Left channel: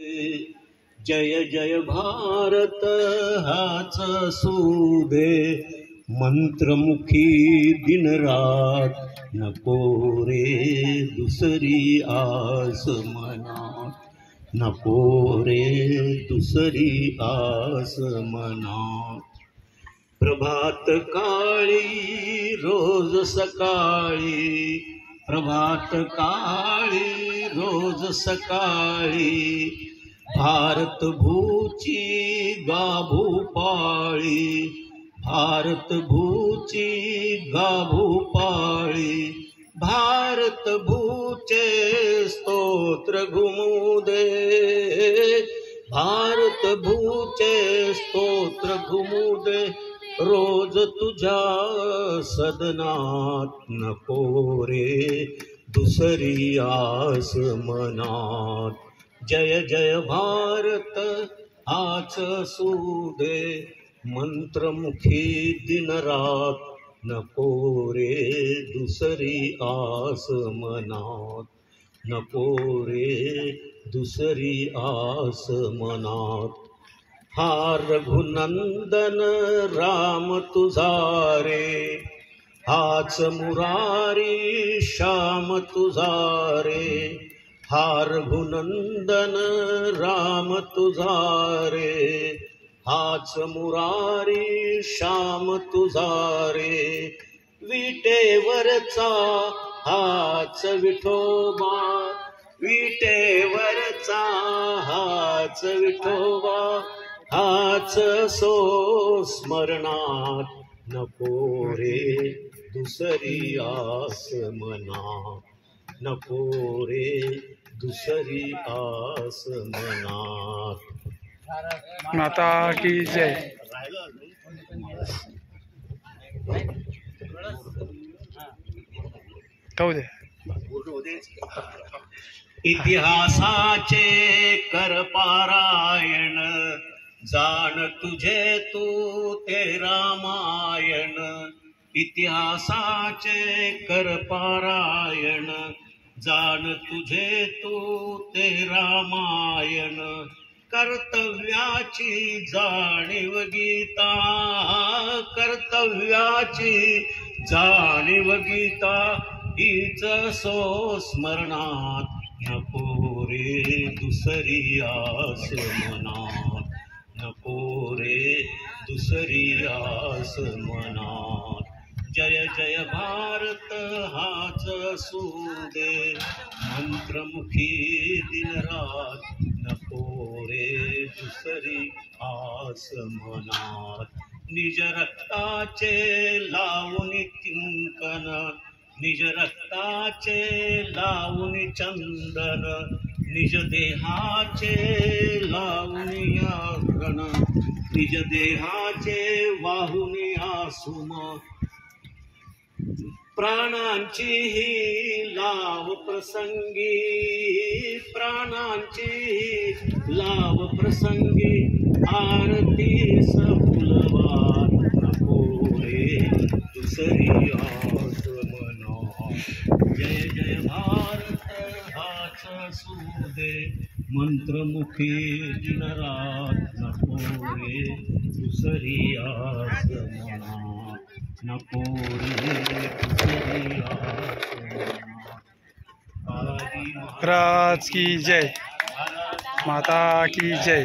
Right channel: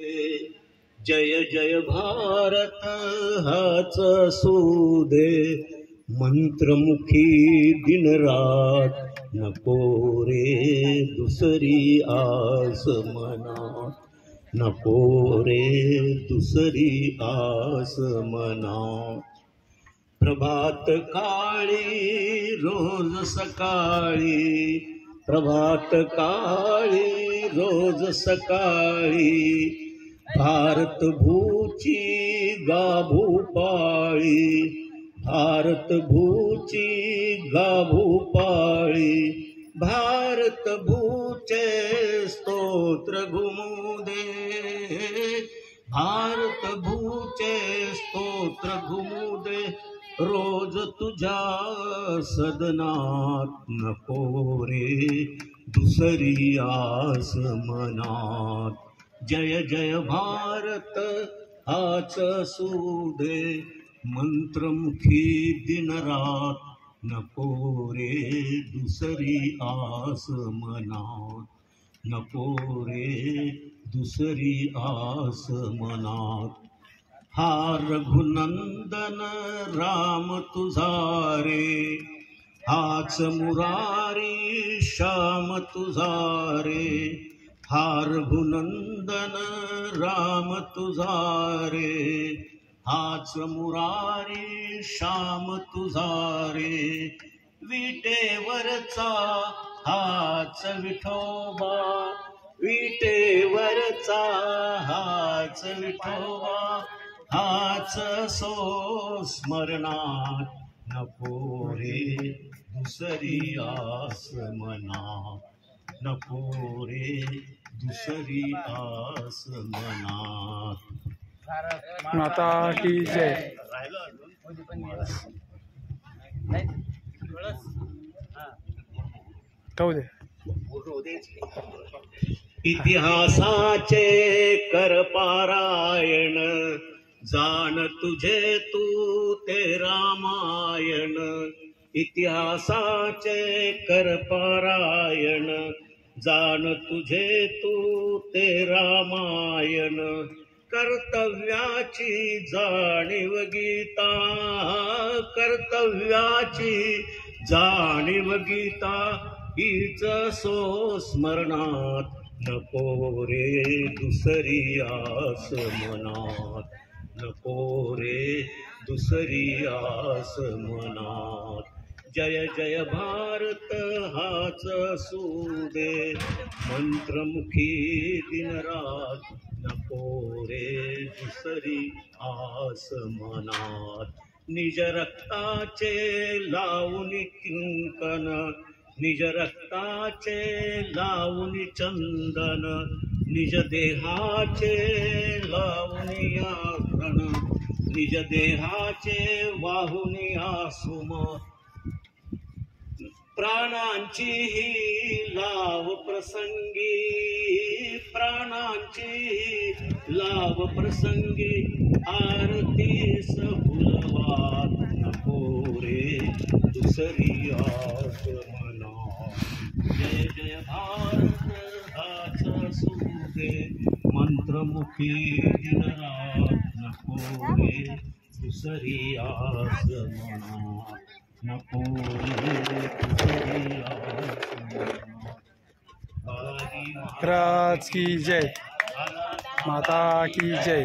जय जय भारत हाच सुदे मंत्रमुखी दिन रात नको रे दुसरी आस मनात नको रे दुसरी आस मनात प्रभात काळी रोज सकाळी प्रभात काळी रोज सकाळी भारत भूची गाभू पाळी भारत भूची गाभू पाळी भारत भूचे स्तोत्र घुमू दे भारत भूचे स्तोत्र घुमू दे रोज तुझ्या सदनात नको रे दुसरी आस मनात जय जय भारत हाच सुदे मंत्रमुखी दिन रात नको रे दुसरी आस मनात नको रे दुसरी आस मनात हा रघुनंदन राम तुझा रे हाच मुरारी श्याम तुझा रे हा रघुनंदन राम तुझा रे हाच मुरारी श्याम तुझा रे विटेवरचा हाच विठोबा विटेवरचा हाच विठोबा हाच सो स्मरणात नको रे दुसरी आस मनात नको रे दुसरी आस मनात माता की जय। कहू दे इतिहासाचे कर पारायण जाण तुझे तू ते रामायण इतिहासाचे कर पारायण जाण तुझे तू ते रामायण कर्तव्याची जाणीव गीता कर्तव्याची जाणीव गीता हीच सो स्मरणात नको रे दुसरी आस मनात नको रे दुसरी आस मनात जय जय भारत हाच सुदे मंत्रमुखी दिन रात नको रे दुसरी आस मनात निज रक्ताचे लावून किंकन निज रक्ताचे लावून चंदन निज देहाचे लावून आभरण निज देहाचे वाहून आसुम प्राणांची ही लाव प्रसंगी प्राणांची लाव प्रसंगी आरती फुलवा नको रे दुसरी आस मनात जय जय भारत हाच सुदे मंत्रमुखी दिन रात नको रे दुसरी आस मनात नको रे दुसरी आस मनात राज की जय। माता की जय।